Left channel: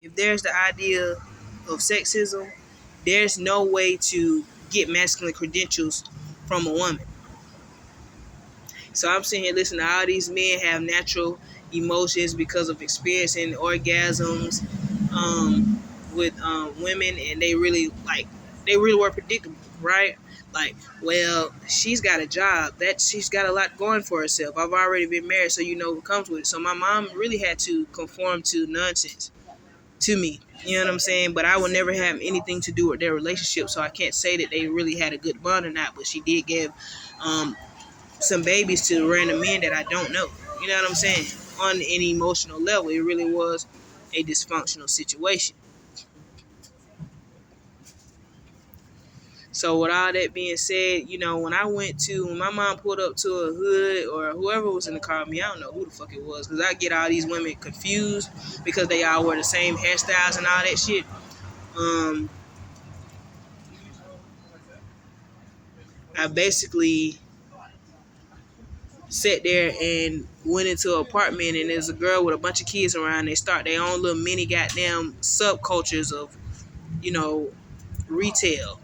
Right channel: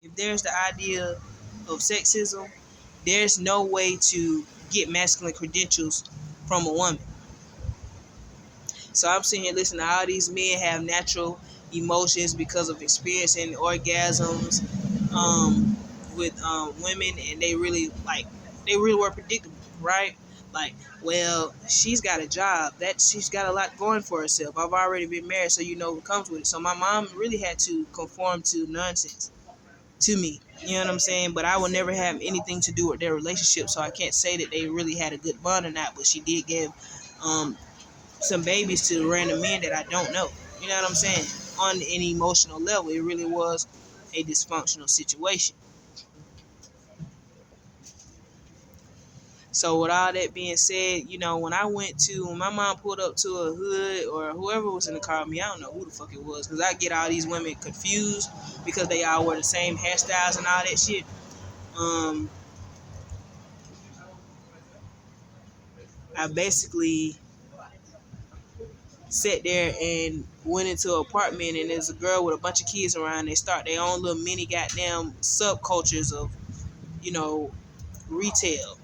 If there's the idea of sexism, there's no way to get masculine credentials from a woman. So I'm sitting here listening to all these men have natural emotions because of experiencing orgasms with women, and they really were predictable, right? Like, well, she's got a job, that she's got a lot going for herself. I've already been married, so you know what comes with it. So my mom really had to conform to nonsense to me. You know what I'm saying? But I would never have anything to do with their relationship, so I can't say that they really had a good bond or not. But she did give um, some babies to random men that I don't know. You know what I'm saying? On an emotional level, it really was a dysfunctional situation. So with all that being said, when my mom pulled up to a hood or whoever was in the car with me, I don't know who the fuck it was, because I get all these women confused because they all wear the same hairstyles and all that shit. Um, I basically sat there and went into an apartment, and there's a girl with a bunch of kids around. They start their own little mini goddamn subcultures of, you know, retail.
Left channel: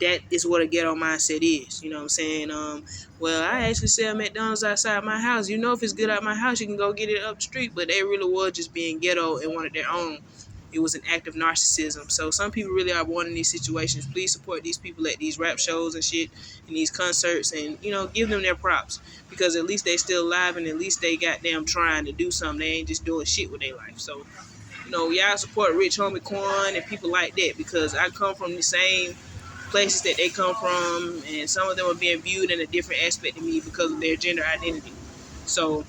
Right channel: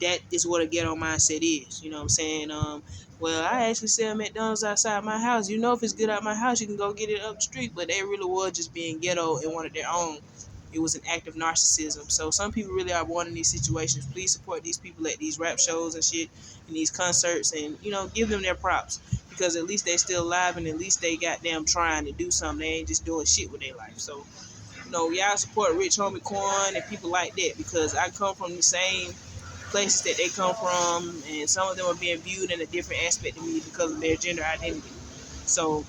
That is what a ghetto mindset is. You know what I'm saying? Well, I actually sell McDonald's outside my house. You know, if it's good out my house, you can go get it up the street. But they really was just being ghetto and wanted their own. It was an act of narcissism. So some people really are born in these situations. Please support these people at these rap shows and shit, and these concerts, and give them their props, because at least they still alive, and at least they goddamn trying to do something. They ain't just doing shit with their life. So y'all support Rich Homie Quan and people like that, because I come from the same places that they come from, and some of them are being viewed in a different aspect of me because of their gender identity. So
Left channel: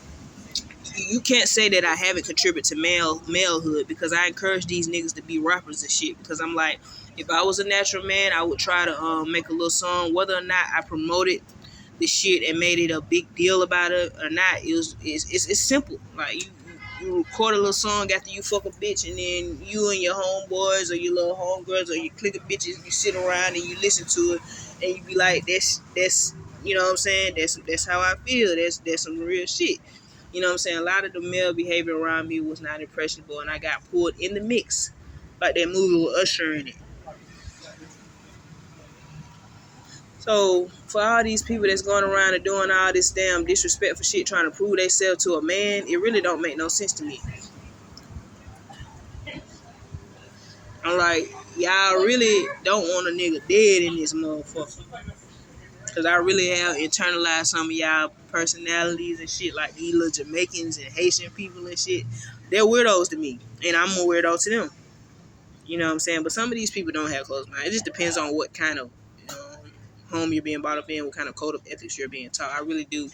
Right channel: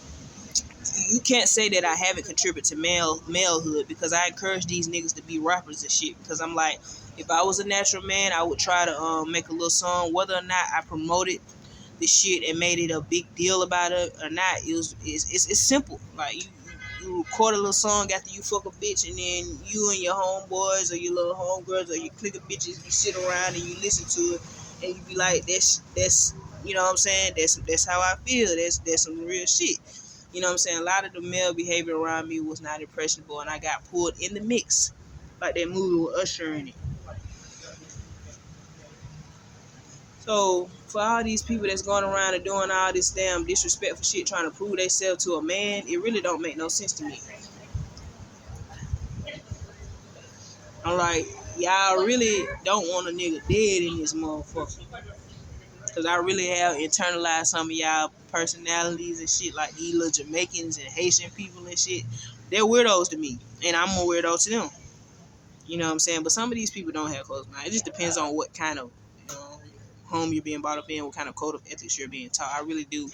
you can't say that I haven't contributed to malehood, because I encourage these niggas to be rappers and shit. Because I'm like, if I was a natural man, I would try to make a little song. Whether or not I promoted the shit and made it a big deal about it or not, it's simple. Like you record a little song after you fuck a bitch, and then you and your homeboys or your little homegirls or your clique of bitches, you sit around and you listen to it, and you be like, that's you know what I'm saying? That's how I feel. That's some real shit. You know what I'm saying? A lot of the male behavior around me was not impressionable, and I got pulled in the mix, like that movie with Usher in it. So for all these people that's going around and doing all this damn disrespectful shit, trying to prove themselves to a man, it really don't make no sense to me. I'm like, y'all really don't want a nigga dead in this motherfucker. Cause I really have internalized some of y'all personalities and shit, like these little Jamaicans and Haitian people and shit. They're weirdos to me, and I'm a weirdo to them. You know what I'm saying? But some of these people don't have closed mind. It just depends on what kind of home you're being brought up in, what kind of code of ethics you're being taught. I really do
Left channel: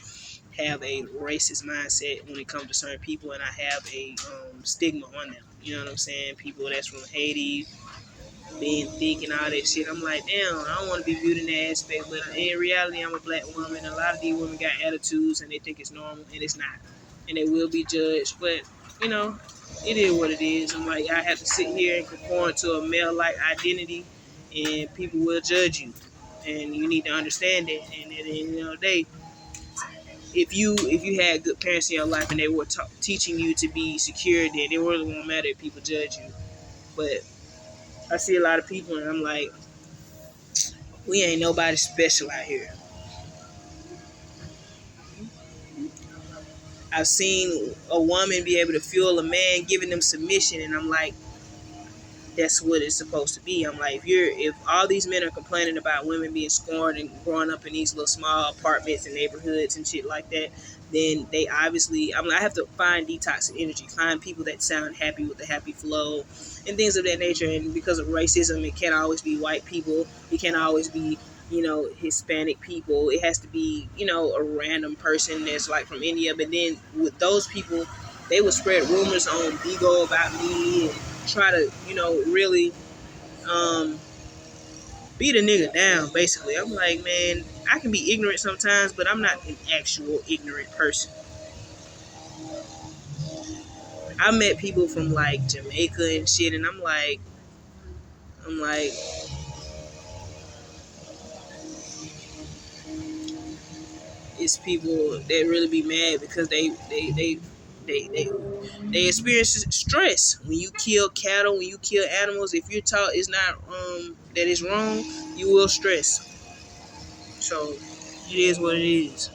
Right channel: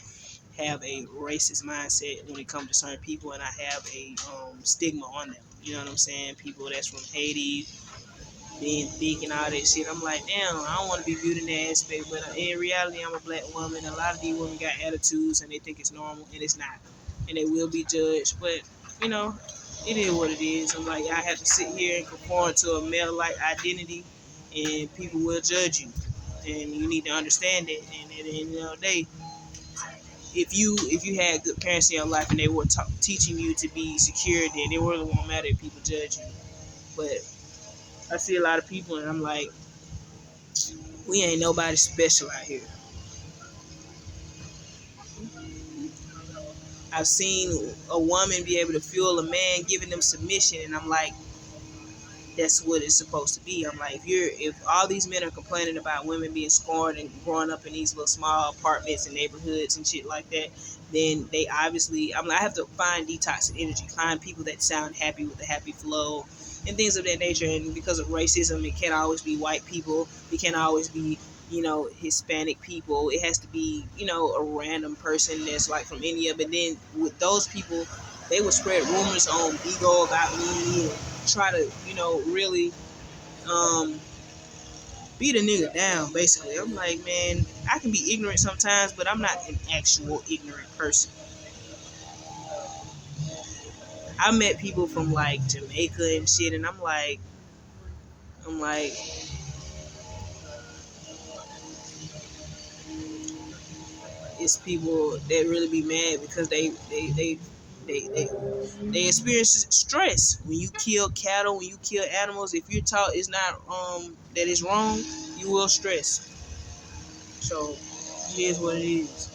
have a racist mindset when it comes to certain people, and I have a stigma on them. You know what I'm saying? People that's from Haiti, being thick and all that shit. I'm like, damn, I don't want to be viewed in that aspect, but in reality, I'm a black woman. A lot of these women got attitudes, and they think it's normal, and it's not, and they will be judged. But you know, it is what it is. I'm like, I have to sit here and conform to a male-like identity, and people will judge you, and you need to understand that. And at the end of the day, if you had good parents in your life and they were teaching you to be secure, then it really won't matter if people judge you. But I see a lot of people, and I'm like, we ain't nobody special out here. I've seen a woman be able to fuel a man giving them submission, and I'm like, that's what it's supposed to be. I'm like, if all these men are complaining about women being scorned and growing up in these little small apartments and neighborhoods and shit like that, then they obviously, I have to find detox energy, find people that sound happy with the happy flow and things of that nature. And because of racism, it can't always be white people. It can't always be Hispanic people. It has to be a random person that's like from India. But then with those people, they would spread rumors on Bigo about me and try to really um beat a nigga down. Basically, I'm like, man, I can be ignorant sometimes, but I'm not an actual ignorant person. I met people from like Jamaica and shit, and I'm like, it's people that really be mad because they They experience stress when you kill cattle, when you kill animals. If you're taught it's not that it's wrong, you will stress. So it is what it is.